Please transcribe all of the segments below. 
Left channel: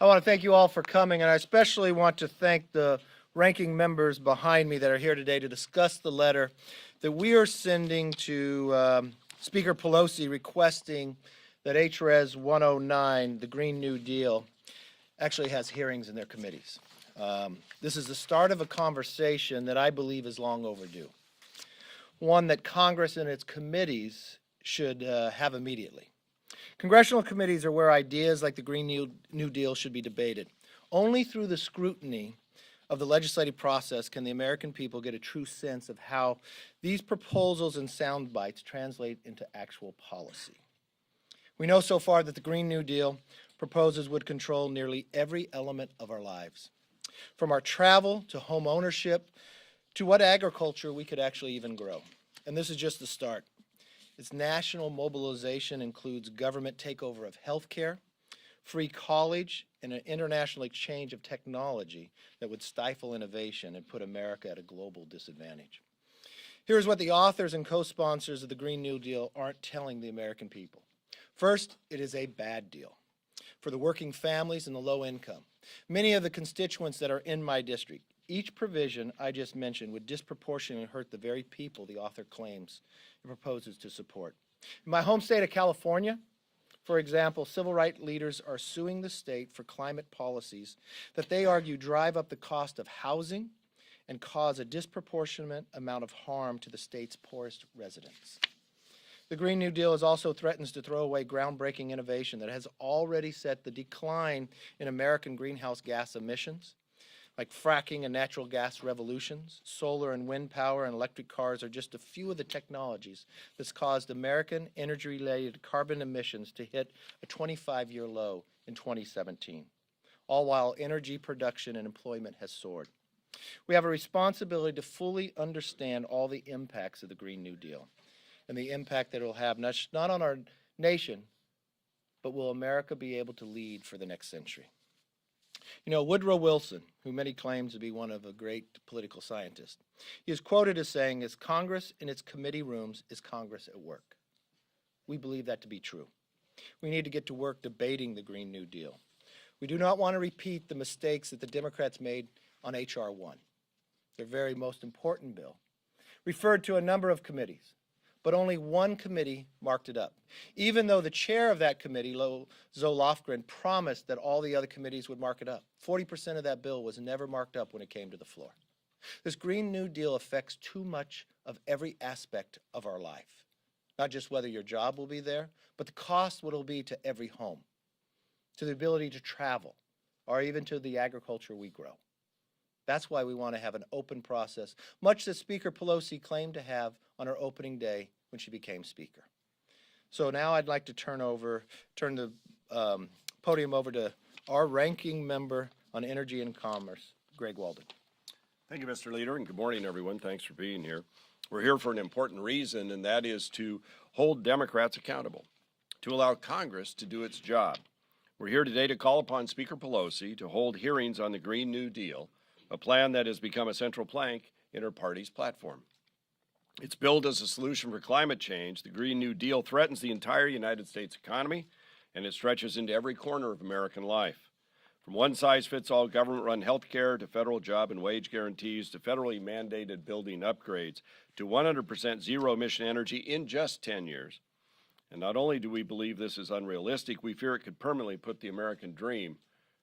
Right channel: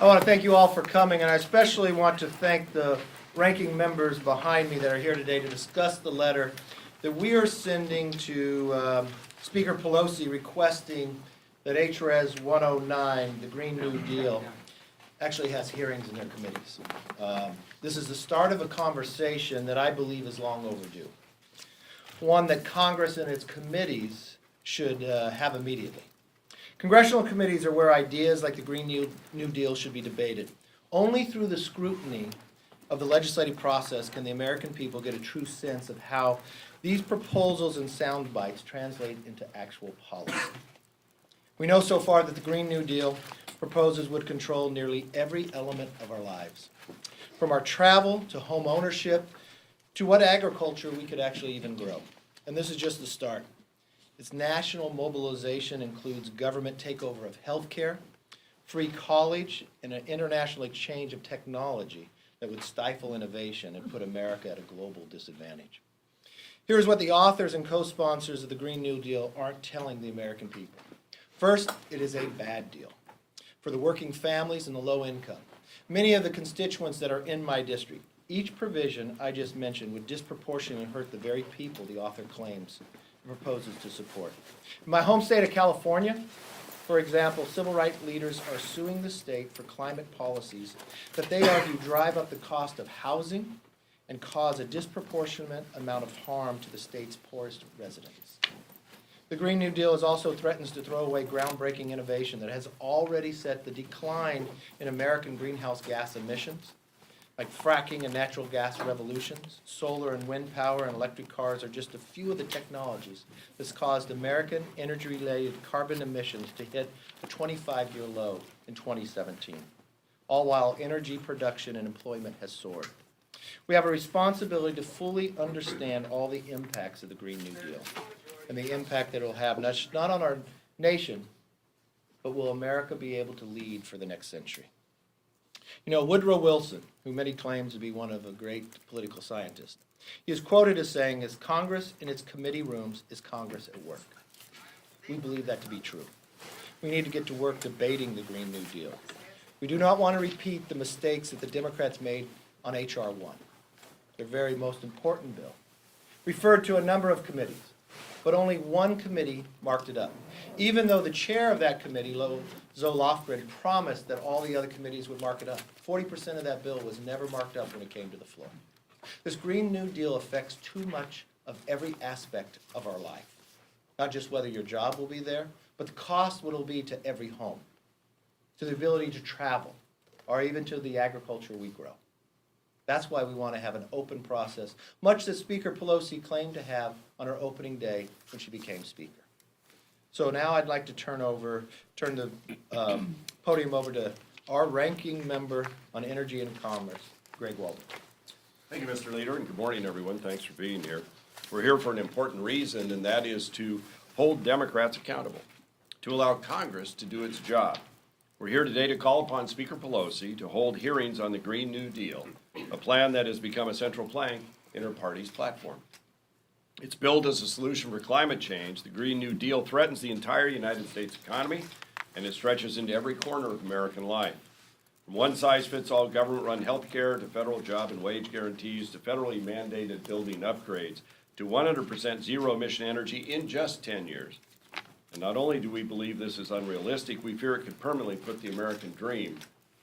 I want to thank you all for coming, and I especially want to thank the ranking members behind me that are here today to discuss the letter that we are sending to Speaker Pelosi requesting that HRES 109, the Green New Deal, actually has hearings in their committees. This is the start of a conversation that I believe is long overdue, one that Congress and its committees should have immediately. Congressional committees are where ideas like the Green New Deal should be debated. Only through the scrutiny of the legislative process can the American people get a true sense of how these proposals and sound bites translate into actual policy. We know so far that the Green New Deal proposes would control nearly every element of our lives, from our travel to home ownership to what agriculture we could actually even grow. And this is just the start. Its national mobilization includes government takeover of healthcare, free college, and an international exchange of technology that would stifle innovation and put America at a global disadvantage. Here's what the authors and co-sponsors of the Green New Deal aren't telling the American people. First, it is a bad deal for the working families and the low income. Many of the constituents that are in my district, each provision I just mentioned would disproportionately hurt the very people the author claims and proposes to support. In my home state of California, for example, civil rights leaders are suing the state for climate policies that they argue drive up the cost of housing and cause a disproportionate amount of harm to the state's poorest residents. The Green New Deal also threatens to throw away groundbreaking innovation that has already set the decline in American greenhouse gas emissions, like fracking and natural gas revolutions. Solar and wind power and electric cars are just a few of the technologies that's caused American energy-related carbon emissions to hit a 25-year low in 2017, all while energy production and employment has soared. We have a responsibility to fully understand all the impacts of the Green New Deal and the impact that it will have, not on our nation, but will America be able to lead for the next century? You know, Woodrow Wilson, who many claim to be one of a great political scientist, he is quoted as saying, "As Congress in its committee rooms is Congress at work." We believe that to be true. We need to get to work debating the Green New Deal. We do not want to repeat the mistakes that the Democrats made on H.R. 1, their very most important bill, referred to a number of committees, but only one committee marked it up, even though the chair of that committee, Zoe Lofgren, promised that all the other committees would mark it up. 40% of that bill was never marked up when it came to the floor. This Green New Deal affects too much of every aspect of our life, not just whether your job will be there, but the cost what it will be to every home, to the ability to travel, or even to the agriculture we grow. That's why we want to have an open process, much as Speaker Pelosi claimed to have on her opening day when she became Speaker. So now I'd like to turn the podium over to our ranking member on Energy and Commerce, Greg Walden. Thank you, Mr. Leader, and good morning, everyone. Thanks for being here. We're here for an important reason, and that is to hold Democrats accountable, to allow Congress to do its job. We're here today to call upon Speaker Pelosi to hold hearings on the Green New Deal, a plan that has become a central plank in her party's platform. It's billed as a solution for climate change. The Green New Deal threatens the entire United States economy, and it stretches into every corner of American life. From one-size-fits-all government-run health care to federal job and wage guarantees to federally mandated building upgrades to 100% zero-emission energy in just 10 years. And not only do we believe this is unrealistic, we fear it could permanently put the American dream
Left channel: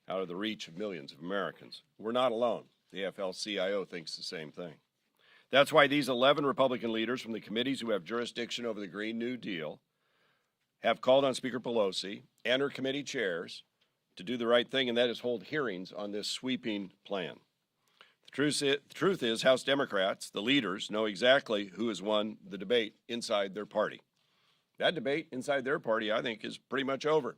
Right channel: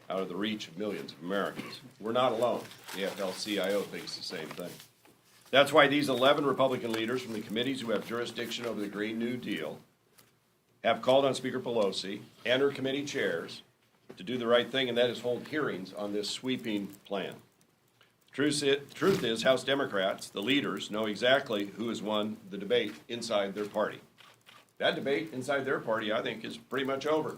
out of the reach of millions of Americans. We're not alone. The AFL-CIO thinks the same thing. That's why these 11 Republican leaders from the committees who have jurisdiction over the Green New Deal have called on Speaker Pelosi and her committee chairs to do the right thing, and that is hold hearings on this sweeping plan. The truth is, House Democrats, the leaders, know exactly who has won the debate inside their party. That debate inside their party, I think, is pretty much over.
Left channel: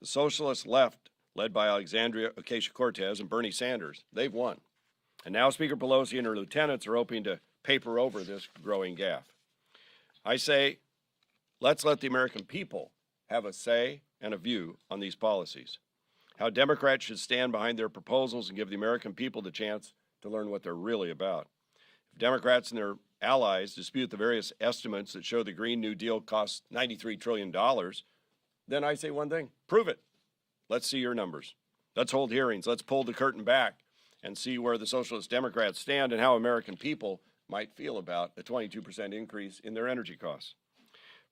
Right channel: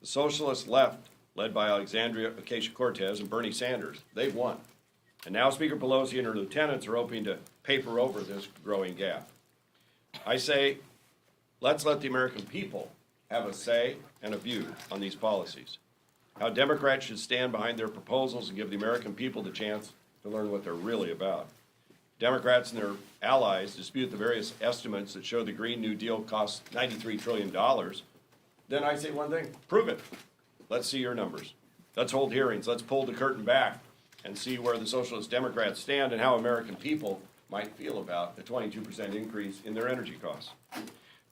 The socialist left, led by Alexandria, Ocasio-Cortez, and Bernie Sanders, they've won. And now Speaker Pelosi and her lieutenants are hoping to paper over this growing gap. I say, let's let the American people have a say and a view on these policies. How Democrats should stand behind their proposals and give the American people the chance to learn what they're really about. If Democrats and their allies dispute the various estimates that show the Green New Deal costs $93 trillion, then I say one thing, prove it. Let's see your numbers. Let's hold hearings. Let's pull the curtain back and see where the Socialist Democrats stand and how American people might feel about a 22% increase in their energy costs.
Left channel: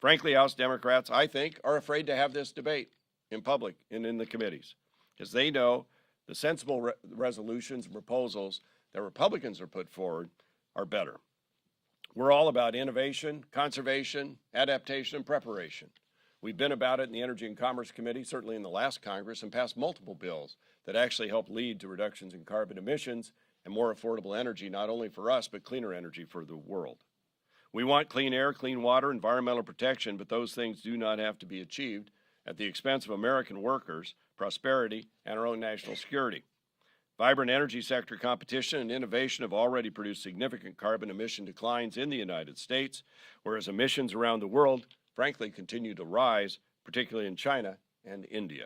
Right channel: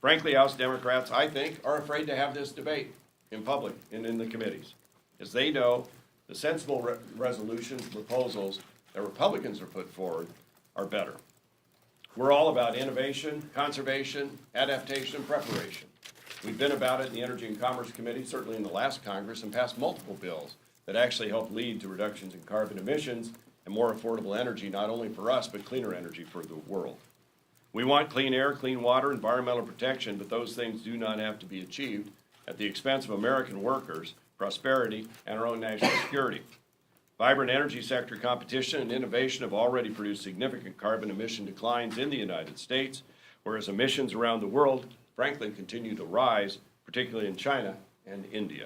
Frankly, House Democrats, I think, are afraid to have this debate in public and in the committees, because they know the sensible resolutions and proposals that Republicans are put forward are better. We're all about innovation, conservation, adaptation, and preparation. We've been about it in the Energy and Commerce Committee, certainly in the last Congress, and passed multiple bills that actually help lead to reductions in carbon emissions and more affordable energy, not only for us, but cleaner energy for the world. We want clean air, clean water, environmental protection, but those things do not have to be achieved at the expense of American workers, prosperity, and our own national security. Vibrant energy sector competition and innovation have already produced significant carbon emission declines in the United States, whereas emissions around the world, frankly, continue to rise, particularly in China and India.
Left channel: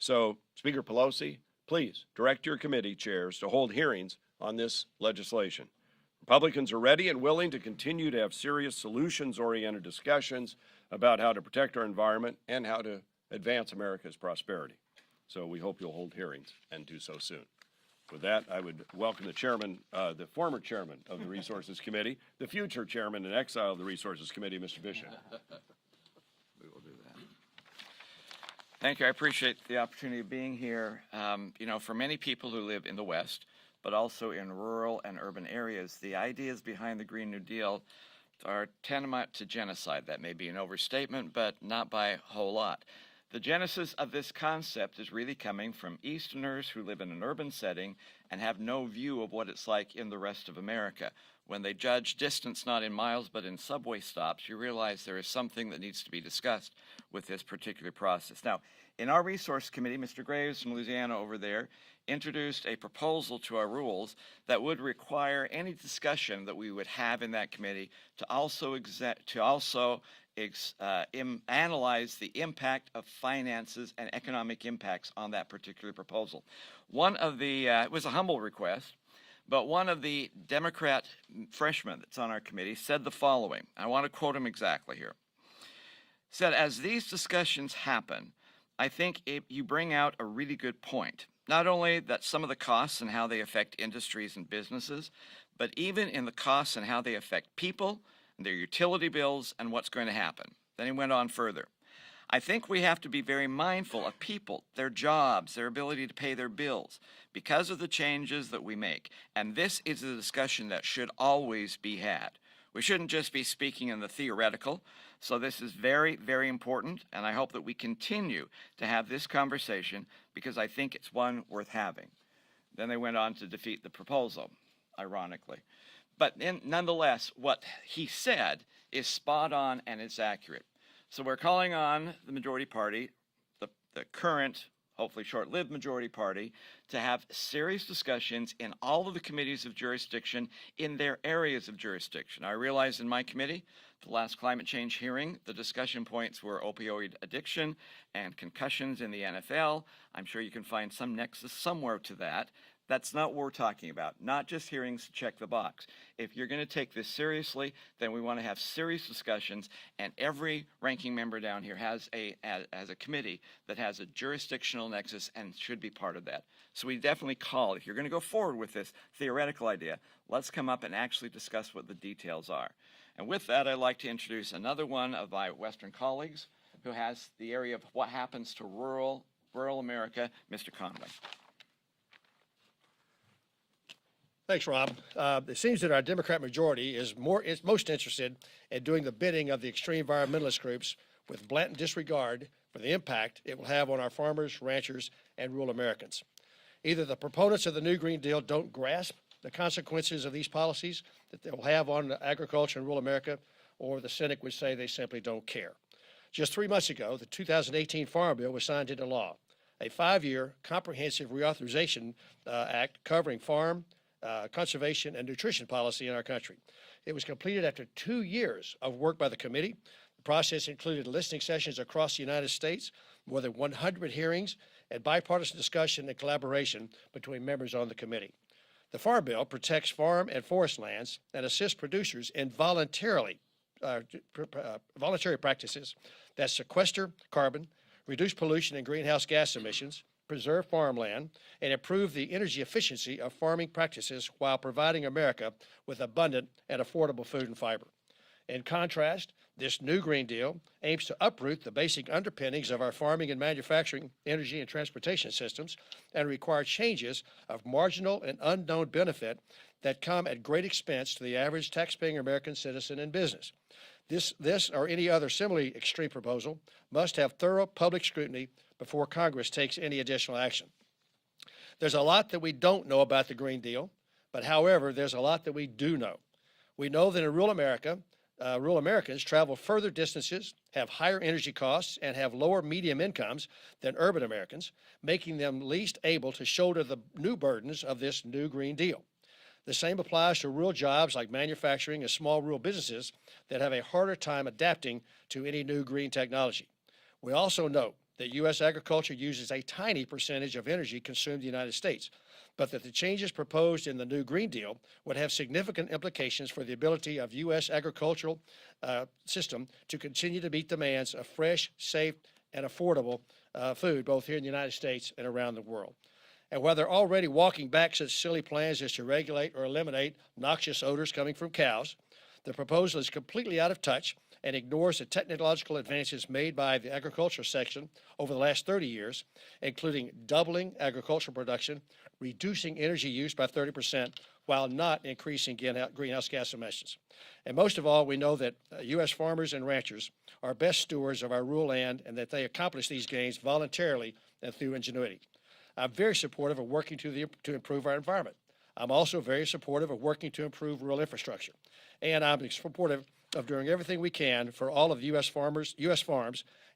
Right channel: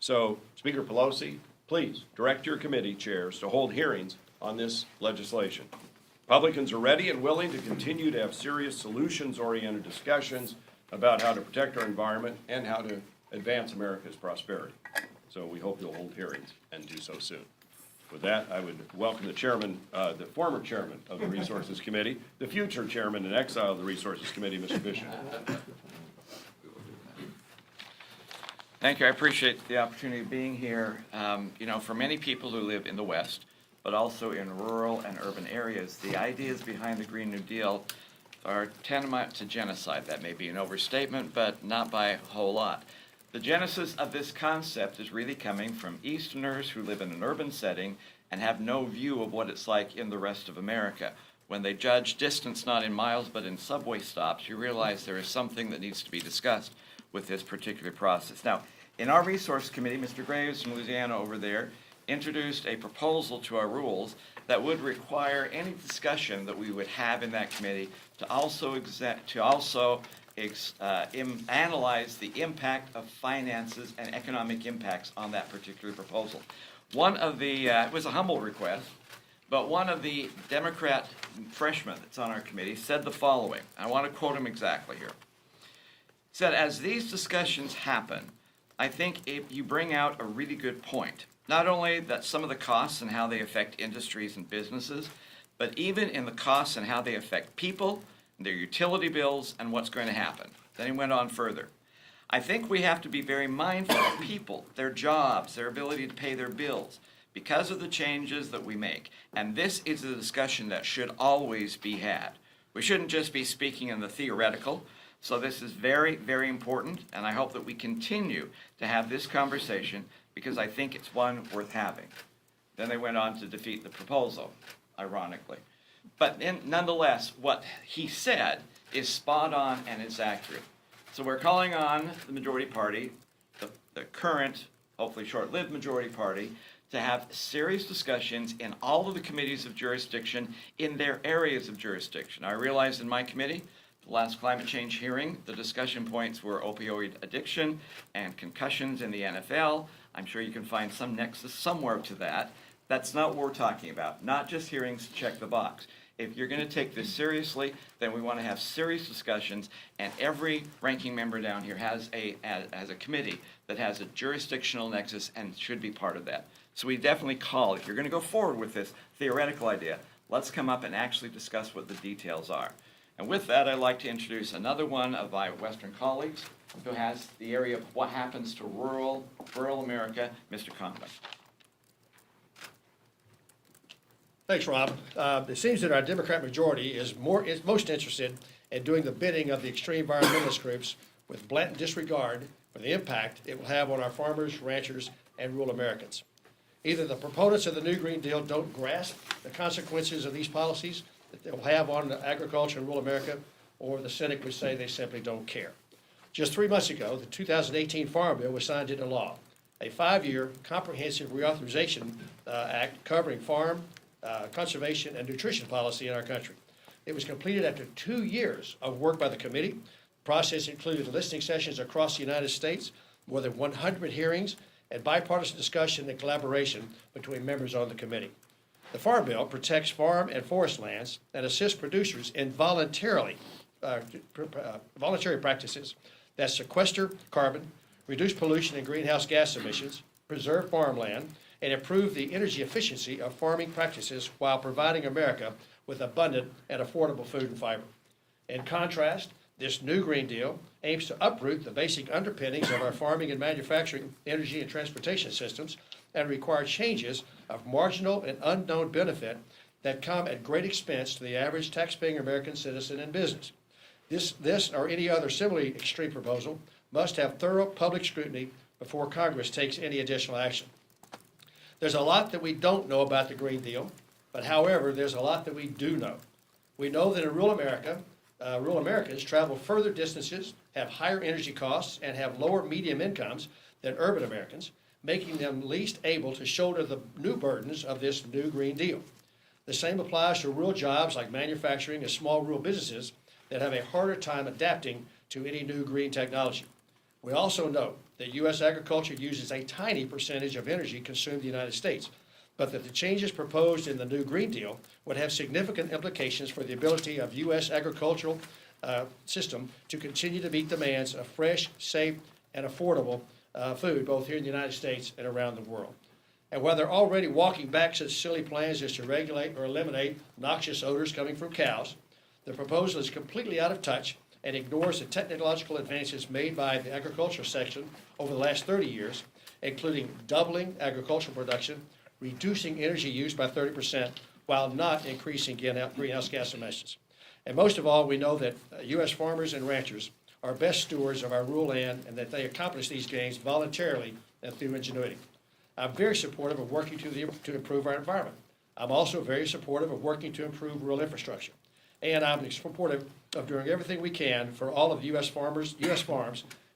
So, Speaker Pelosi, please direct your committee chairs to hold hearings on this legislation. Republicans are ready and willing to continue to have serious solutions-oriented discussions about how to protect our environment and how to advance America's prosperity. So we hope you'll hold hearings and do so soon. With that, I would welcome the chairman, the former chairman of the Resources Committee, the future chairman in exile of the Resources Committee, Mr. Bishop. Thank you. I appreciate the opportunity of being here. For many people who live in the West, but also in rural and urban areas, the ideas behind the Green New Deal are tantamount to genocide. That may be an overstatement, but not by a whole lot. The genesis of this concept is really coming from Easterners who live in an urban setting and have no view of what it's like in the rest of America. When they judge distance not in miles but in subway stops, you realize there is something that needs to be discussed with this particular process. Now, in our resource committee, Mr. Graves from Louisiana over there introduced a proposal to our rules that would require any discussion that we would have in that committee to also analyze the impact of finances and economic impacts on that particular proposal. One of the, it was a humble request, but one of the Democrat freshmen that's on our committee said the following. I want to quote him exactly here. He said, as these discussions happen, I think you bring out a really good point. Not only that some of the costs and how they affect industries and businesses, but even in the costs and how they affect people, their utility bills, and what's going to happen. Then he went on further. I think we have to be very mindful of people, their jobs, their ability to pay their bills, because of the changes that we make. And this is a discussion that should always be had. We shouldn't just be speaking in the theoretical. So this is very, very important, and I hope that we continue to have this conversation because I think it's one worth having. Then they went on to defeat the proposal, ironically. But nonetheless, what he said is spot on and is accurate. So we're calling on the majority party, the current, hopefully short-lived majority party, to have serious discussions in all of the committees of jurisdiction in their areas of jurisdiction. I realize in my committee, the last climate change hearing, the discussion points were opioid addiction and concussions in the NFL. I'm sure you can find some nexus somewhere to that. That's not what we're talking about, not just hearings to check the box. If you're going to take this seriously, then we want to have serious discussions, and every ranking member down here has a committee that has a jurisdictional nexus and should be part of that. So we definitely call, if you're going to go forward with this theoretical idea, let's come up and actually discuss what the details are. And with that, I'd like to introduce another one of my Western colleagues who has the area of what happens to rural America, Mr. Conlon. Thanks, Rob. It seems that our Democrat majority is most interested in doing the bidding of the extreme environmentalist groups with blatant disregard for the impact it will have on our farmers, ranchers, and rural Americans. Either the proponents of the new Green Deal don't grasp the consequences of these policies that they will have on agriculture in rural America, or the cynic would say they simply don't care. Just 3 months ago, the 2018 Farm Bill was signed into law, a 5-year comprehensive reauthorization act covering farm, conservation, and nutrition policy in our country. It was completed after 2 years of work by the committee. The process included listening sessions across the United States, more than 100 hearings, and bipartisan discussion and collaboration between members on the committee. The Farm Bill protects farm and forest lands and assists producers in voluntary practices that sequester carbon, reduce pollution and greenhouse gas emissions, preserve farmland, and improve the energy efficiency of farming practices while providing America with abundant and affordable food and fiber. In contrast, this new Green Deal aims to uproot the basic underpinnings of our farming and manufacturing, energy, and transportation systems and require changes of marginal and unknown benefit that come at great expense to the average taxpaying American citizen and business. This or any other similarly extreme proposal must have thorough public scrutiny before Congress takes any additional action. There's a lot that we don't know about the Green Deal, but however, there's a lot that we do know. We know that in rural America, rural Americans travel further distances, have higher energy costs, and have lower medium incomes than urban Americans, making them least able to shoulder the new burdens of this new Green Deal. The same applies to rural jobs like manufacturing and small rural businesses that have a harder time adapting to any new green technology. We also know that U.S. agriculture uses a tiny percentage of energy consumed in the United States, but that the changes proposed in the new Green Deal would have significant implications for the ability of U.S. agricultural system to continue to meet demands of fresh, safe, and affordable food, both here in the United States and around the world. And while they're already walking back such silly plans as to regulate or eliminate noxious odors coming from cows, the proposal is completely out of touch and ignores the technological advances made by the agricultural section over the last 30 years, including doubling agricultural production, reducing energy use by 30%, while not increasing greenhouse gas emissions. And most of all, we know that U.S. farmers and ranchers are best stewards of our rural land and that they accomplish these gains voluntarily and through ingenuity. I'm very supportive of working to improve our environment. I'm also very supportive of working to improve rural infrastructure. And I'm supportive of doing everything we can for all of U.S. farms,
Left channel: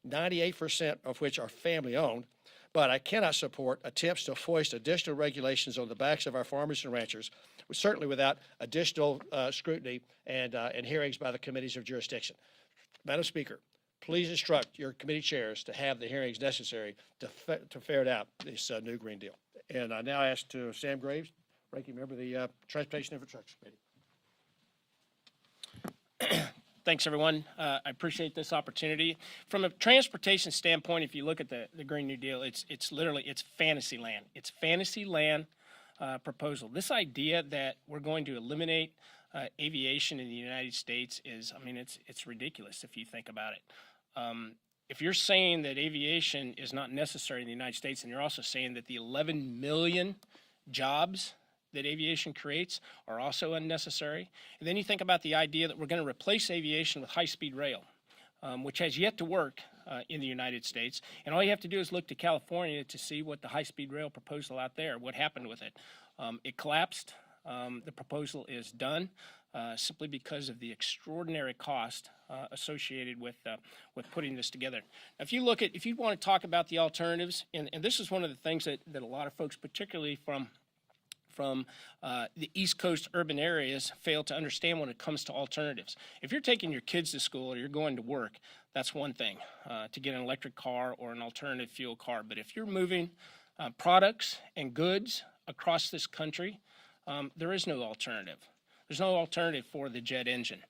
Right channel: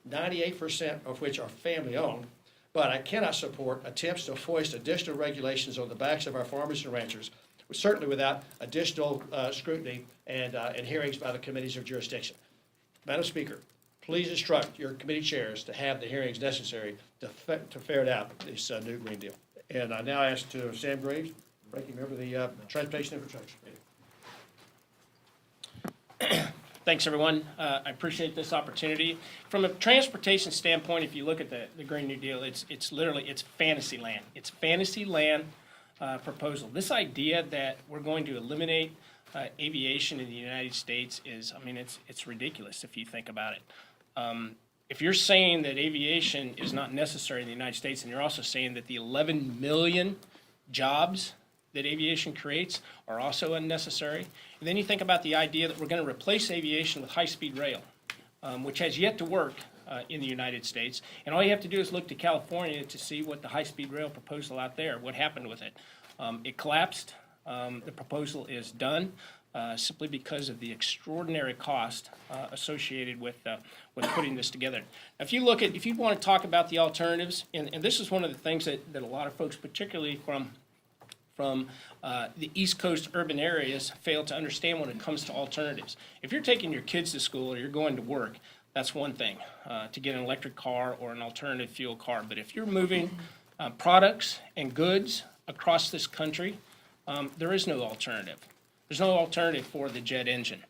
98% of which are family-owned. But I cannot support attempts to foist additional regulations on the backs of our farmers and ranchers, certainly without additional scrutiny and hearings by the committees of jurisdiction. Madam Speaker, please instruct your committee chairs to have the hearings necessary to ferret out this new Green Deal. And I now ask to Sam Graves, ranking member of the Transportation Infrastructure Committee. Thanks, everyone. I appreciate this opportunity. From a transportation standpoint, if you look at the Green New Deal, it's fantasy land. It's fantasy land proposal. This idea that we're going to eliminate aviation in the United States it's ridiculous if you think about it. If you're saying that aviation is not necessary in the United States, and you're also saying that the 11 million jobs that aviation creates are also unnecessary. And then you think about the idea that we're going to replace aviation with high-speed rail, which has yet to work in the United States. And all you have to do is look to California to see what the high-speed rail proposal out there, what happened with it. It collapsed. The proposal is done simply because of the extraordinary cost associated with putting this together. Now, if you want to talk about the alternatives, and this is one of the things that a lot of folks, particularly from the East Coast urban areas, fail to understand when it comes to alternatives. If you're taking your kids to school or you're going to work, that's one thing, to get an electric car or an alternative fuel car. But if you're moving products and goods across this country, there is no alternative. There's no alternative for the jet engine.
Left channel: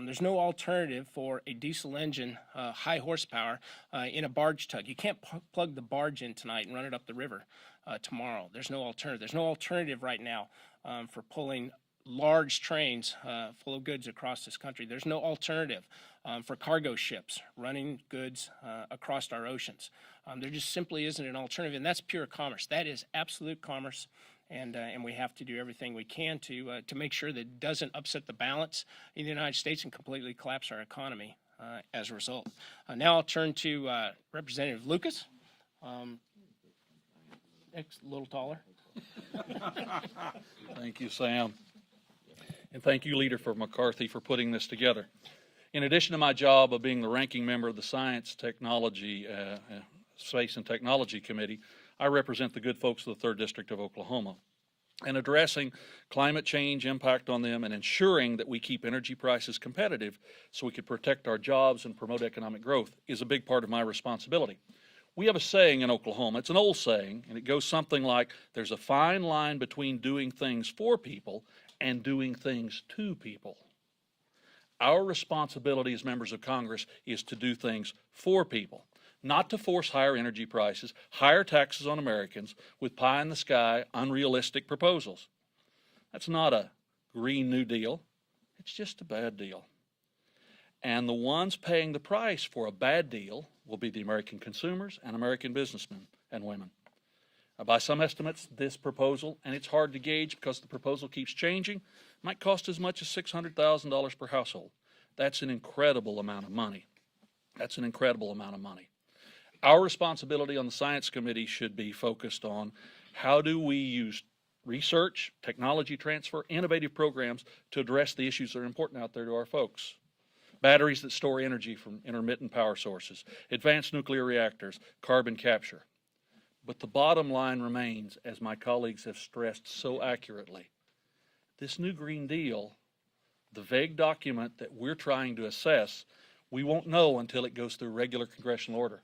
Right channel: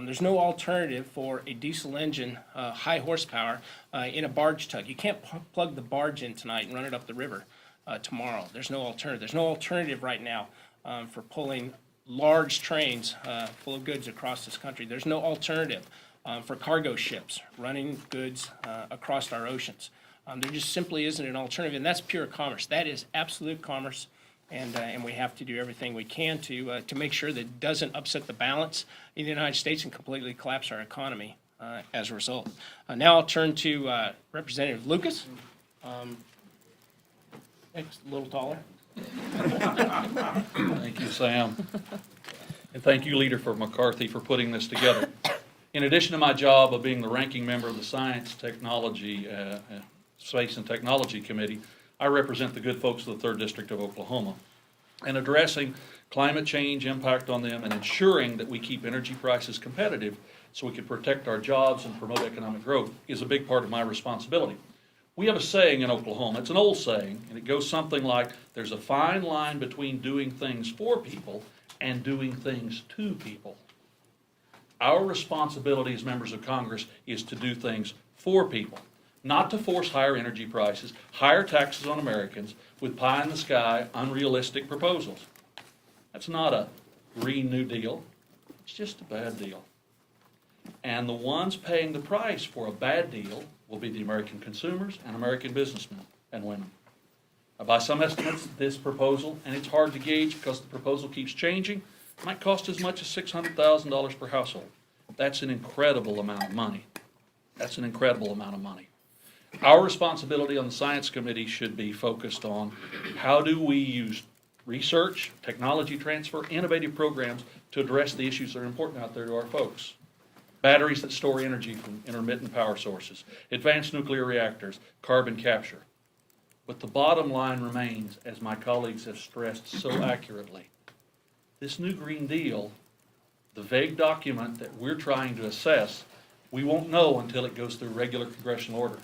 There's no alternative for a diesel engine, high horsepower, in a barge tug. You can't plug the barge in tonight and run it up the river tomorrow. There's no alternative. There's no alternative right now for pulling large trains full of goods across this country. There's no alternative for cargo ships running goods across our oceans. There just simply isn't an alternative, and that's pure commerce. That is absolute commerce, and we have to do everything we can to make sure that it doesn't upset the balance in the United States and completely collapse our economy as a result. Now I'll turn to Representative Lucas. Next, a little taller. Thank you, Sam. And thank you, Leader for McCarthy, for putting this together. In addition to my job of being the ranking member of the Science, Technology, Space and Technology Committee, I represent the good folks of the 3rd District of Oklahoma. And addressing climate change impact on them and ensuring that we keep energy prices competitive so we can protect our jobs and promote economic growth is a big part of my responsibility. We have a saying in Oklahoma, it's an old saying, and it goes something like, there's a fine line between doing things for people and doing things to people. Our responsibility as members of Congress is to do things for people. not to force higher energy prices, higher taxes on Americans with pie-in-the-sky, unrealistic proposals. That's not a Green New Deal. It's just a bad deal. And the ones paying the price for a bad deal will be the American consumers and American businessmen and women. By some estimates, this proposal, and it's hard to gauge because the proposal keeps changing, might cost as much as $600,000 per household. That's an incredible amount of money. That's an incredible amount of money. Our responsibility on the Science Committee should be focused on how do we use research, technology transfer, innovative programs to address the issues that are important out there to our folks. Batteries that store energy from intermittent power sources, advanced nuclear reactors, carbon capture. But the bottom line remains, as my colleagues have stressed so accurately, this new Green Deal, the vague document that we're trying to assess, we won't know until it goes through regular congressional order.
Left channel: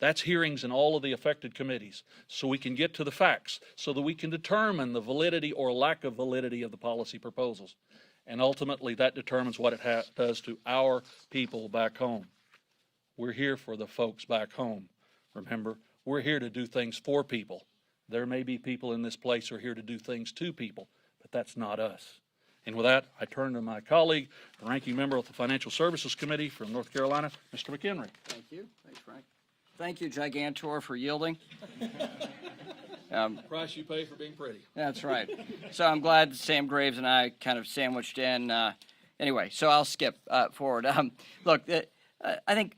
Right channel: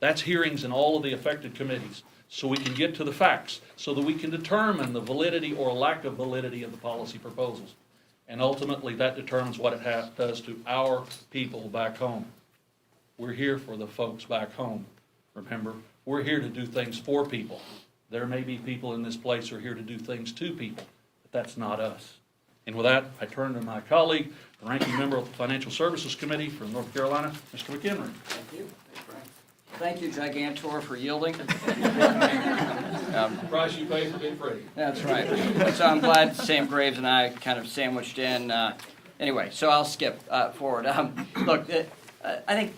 That's hearings in all of the affected committees, so we can get to the facts, so that we can determine the validity or lack of validity of the policy proposals. And ultimately, that determines what it does to our people back home. We're here for the folks back home. Remember, we're here to do things for people. There may be people in this place who are here to do things to people, but that's not us. And with that, I turn to my colleague, the ranking member of the Financial Services Committee from North Carolina, Mr. McHenry. Thank you. Thank you, Gigantor, for yielding. Price you pay for being free. That's right. So I'm glad Sam Graves and I kind of sandwiched in. Anyway, so I'll skip forward. Look, I think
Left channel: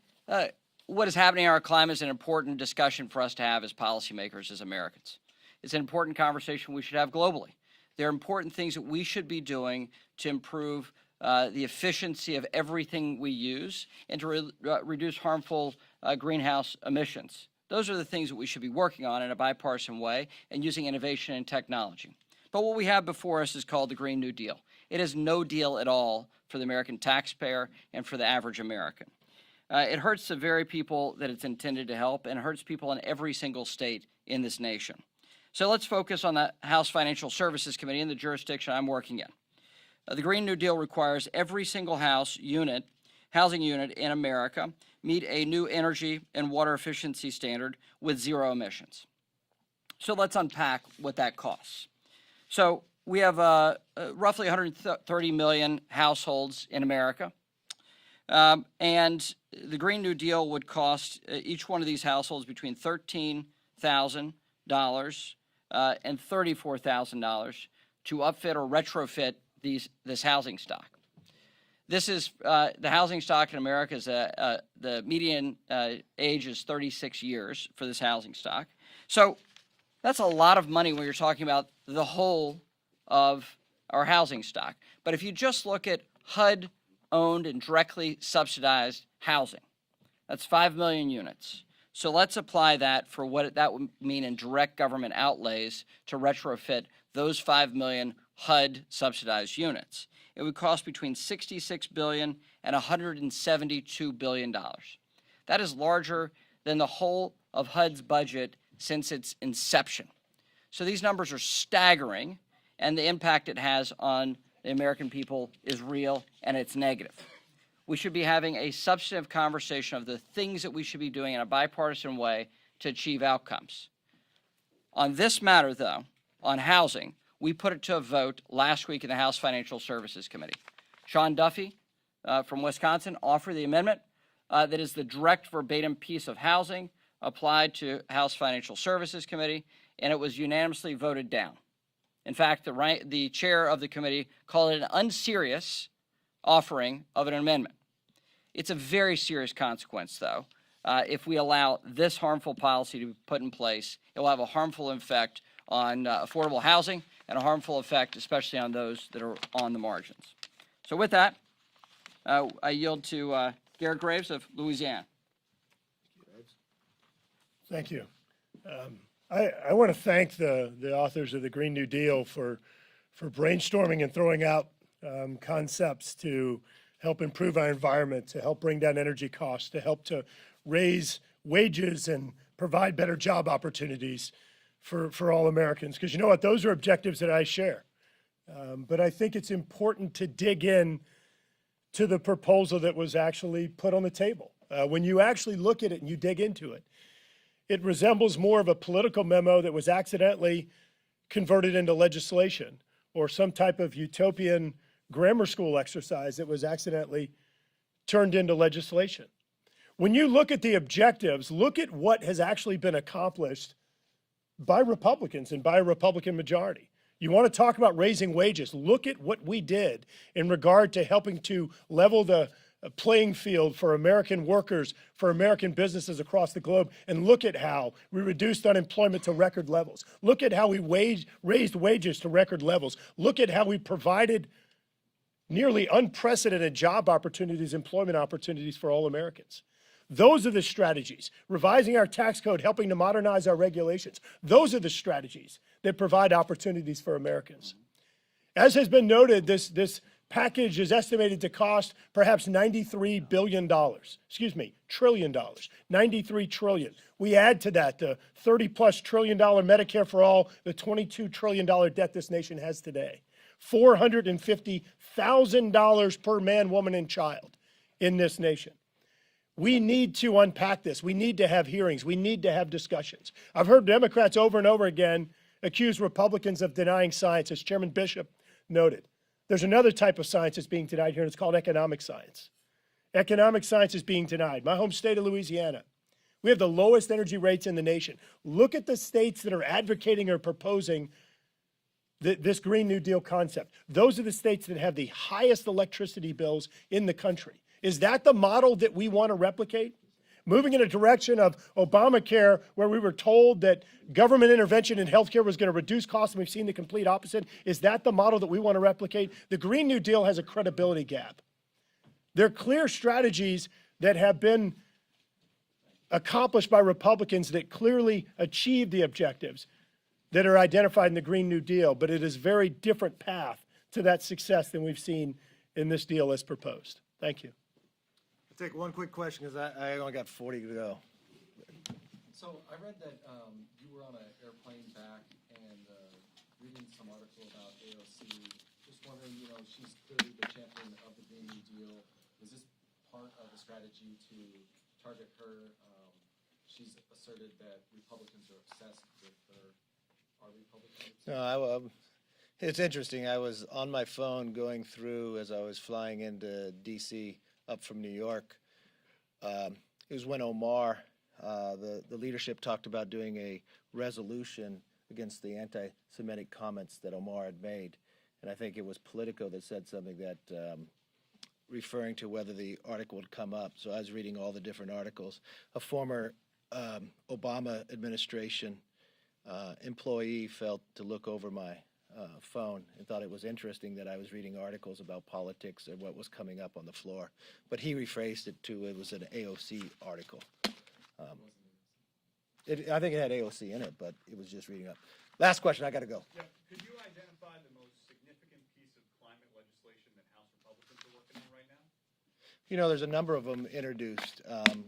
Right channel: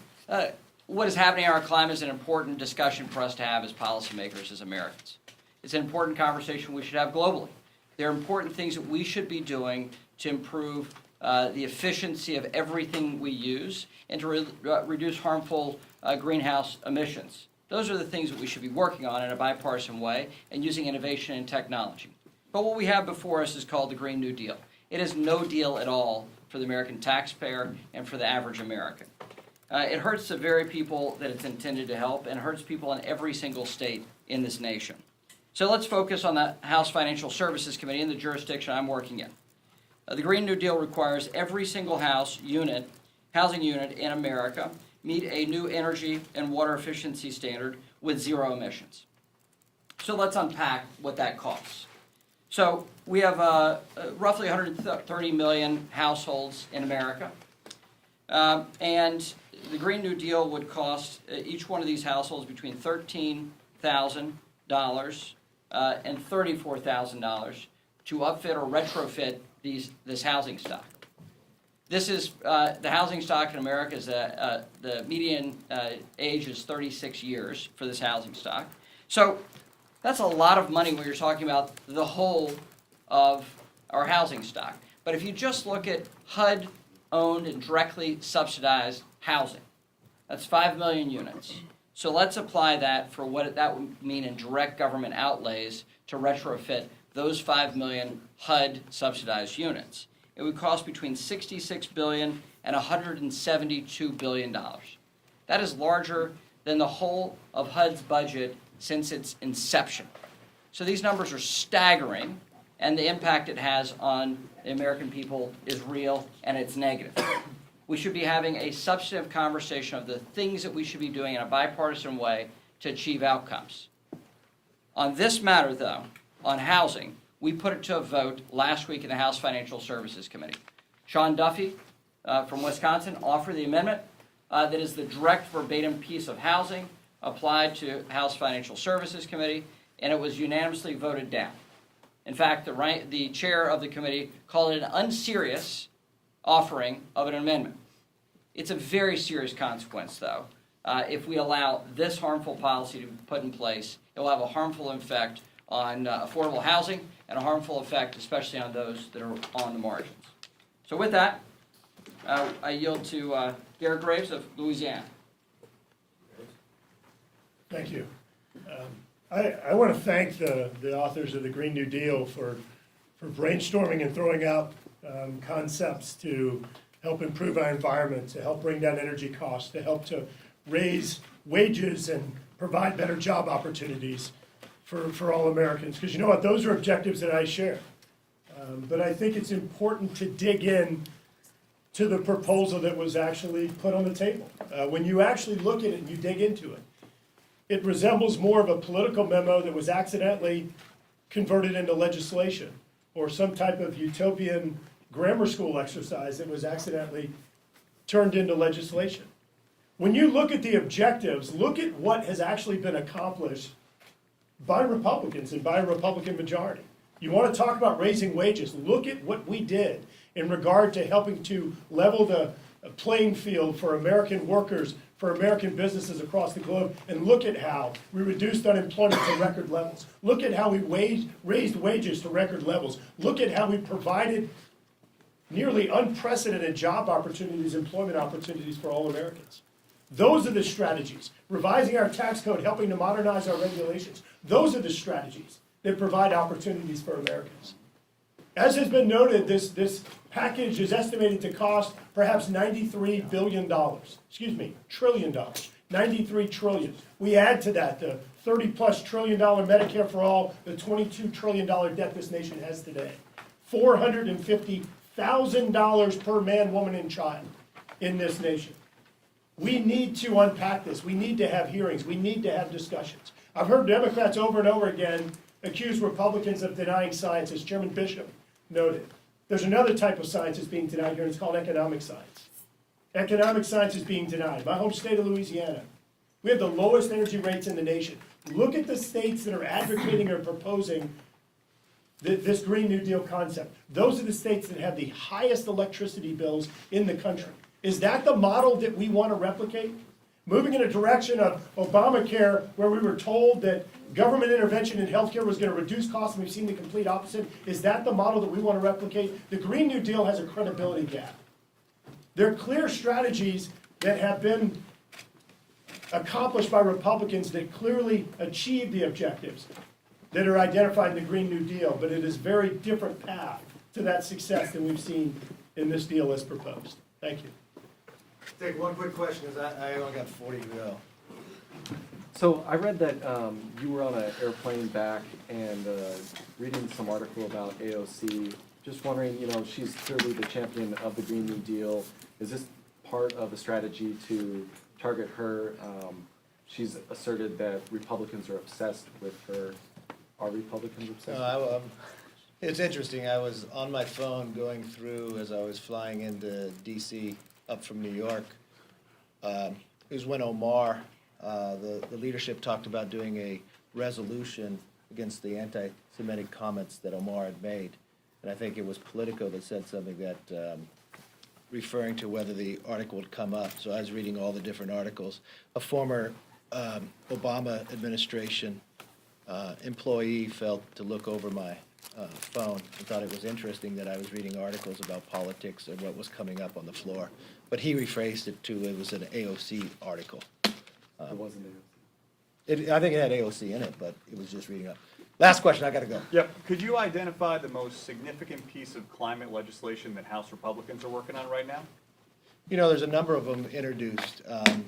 what is happening in our climate is an important discussion for us to have as policymakers, as Americans. It's an important conversation we should have globally. There are important things that we should be doing to improve the efficiency of everything we use and to reduce harmful greenhouse emissions. Those are the things that we should be working on in a bipartisan way and using innovation and technology. But what we have before us is called the Green New Deal. It is no deal at all for the American taxpayer and for the average American. It hurts the very people that it's intended to help, and it hurts people in every single state in this nation. So let's focus on the House Financial Services Committee and the jurisdiction I'm working in. The Green New Deal requires every single housing unit in America meet a new energy and water efficiency standard with zero emissions. So let's unpack what that costs. So we have roughly 130 million households in America. And the Green New Deal would cost each one of these households between $13,000 and $34,000 to upfit or retrofit this housing stock. This is the housing stock in America is the median age is 36 years for this housing stock. So that's a lot of money when you're talking about the whole of our housing stock. But if you just look at HUD-owned and directly subsidized housing, that's 5 million units. So let's apply that for what that would mean in direct government outlays to retrofit those 5 million HUD-subsidized units. It would cost between $66 billion and $172 billion. That is larger than the whole of HUD's budget since its inception. So these numbers are staggering, and the impact it has on the American people is real, and it's negative. We should be having a substantive conversation of the things that we should be doing in a bipartisan way to achieve outcomes. On this matter, though, on housing, we put it to a vote last week in the House Financial Services Committee. Sean Duffy from Wisconsin offered the amendment that is the direct verbatim piece of housing applied to House Financial Services Committee, and it was unanimously voted down. In fact, the chair of the committee called it an unserious offering of an amendment. It's a very serious consequence, though. If we allow this harmful policy to be put in place, it will have a harmful effect on affordable housing and a harmful effect especially on those that are on the margins. So with that, I yield to Garrett Graves of Louisiana. Thank you. I want to thank the authors of the Green New Deal for brainstorming and throwing out concepts to help improve our environment, to help bring down energy costs, to help to raise wages and provide better job opportunities for all Americans. Because you know what, those are objectives that I share. But I think it's important to dig in to the proposal that was actually put on the table. When you actually look at it and you dig into it, it resembles more of a political memo that was accidentally converted into legislation, or some type of utopian grammar school exercise that was accidentally turned into legislation. When you look at the objectives, look at what has actually been accomplished by Republicans and by a Republican majority. You want to talk about raising wages, look at what we did in regard to helping to level the playing field for American workers, for American businesses across the globe, and look at how we reduced unemployment to record levels. Look at how we raised wages to record levels. Look at how we provided nearly unprecedented job opportunities, employment opportunities for all Americans. Those are the strategies. Revising our tax code, helping to modernize our regulations. Those are the strategies that provide opportunities for Americans. As has been noted, this package is estimated to cost perhaps $93 billion. Trillion dollars. 93 trillion. We add to that the $30+ trillion Medicare for all, the $22 trillion debt this nation has today. $450,000 per man, woman, and child in this nation. We need to unpack this. We need to have hearings. We need to have discussions. I've heard Democrats over and over again accuse Republicans of denying science, as Chairman Bishop noted. There's another type of science that's being denied here, and it's called economic science. Economic science is being denied. My home state of Louisiana, we have the lowest energy rates in the nation. Look at the states that are advocating or proposing this Green New Deal concept. Those are the states that have the highest electricity bills in the country. Is that the model that we want to replicate? Moving in a direction of Obamacare, where we were told that government intervention in healthcare was going to reduce costs, and we've seen the complete opposite. Is that the model that we want to replicate? The Green New Deal has a credibility gap. There are clear strategies that have been accomplished by Republicans that clearly achieve the objectives that are identified in the Green New Deal, but it is a very different path to that success than we've seen in this deal as proposed. Thank you. Take one quick question, because I only got 40 to go. So I read that you were on an airplane back and reading some article about AOC. Just wondering, she's clearly the champion of the Green New Deal. Is this part of a strategy to target her? She's asserted that Republicans are obsessed with her. Are Republicans obsessed? No, it's interesting. I was on my phone going through as I was flying into D.C. up from New York. It was when Omar, the leadership, talked about doing a resolution against the anti-Semitic comments that Omar had made. And I think it was Politico that said something that, referring to whether the article would come up. So I was reading all the different articles. A former Obama administration employee felt to look over my phone and thought it was interesting that I was reading articles about politics and what was coming up on the floor. But he rephrased it to, it was an AOC article. It wasn't AOC. I think it had AOC in it, but it was just reading up. Last question, I gotta go. Yep. Could you identify the most significant piece of climate legislation that House Republicans are working on right now? There's a number of them introduced.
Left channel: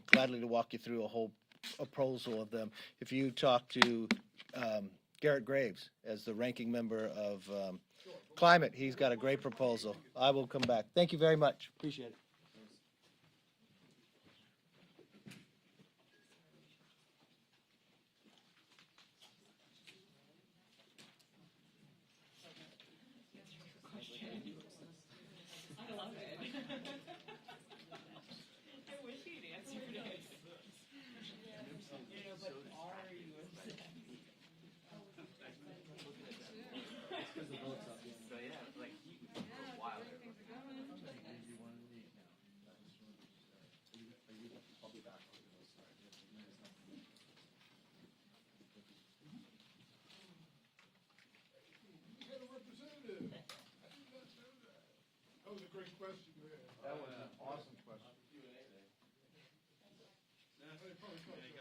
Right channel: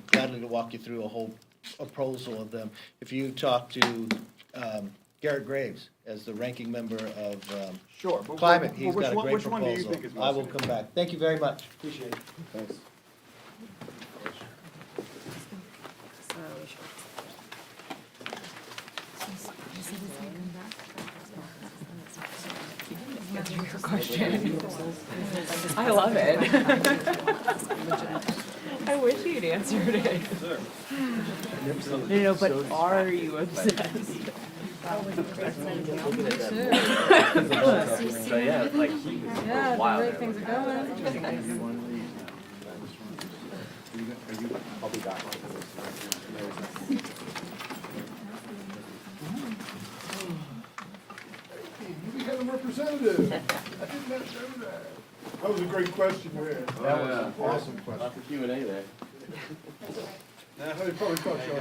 Gladly to walk you through a whole proposal of them. If you talk to Garrett Graves as the ranking member of Sure. But Climate, he's which got a one- great which one do you proposal. think is most I will come back. Thank you very much. Appreciate it. Thanks. I love it. I wish you'd answered it. But are you obsessed? So yeah, like he was Yeah, the wild. way things are going. I'll be back. We had a representative. I did not know that. That was a great question you asked. That was an awesome question. Not for Q&A there. Nah, they probably thought you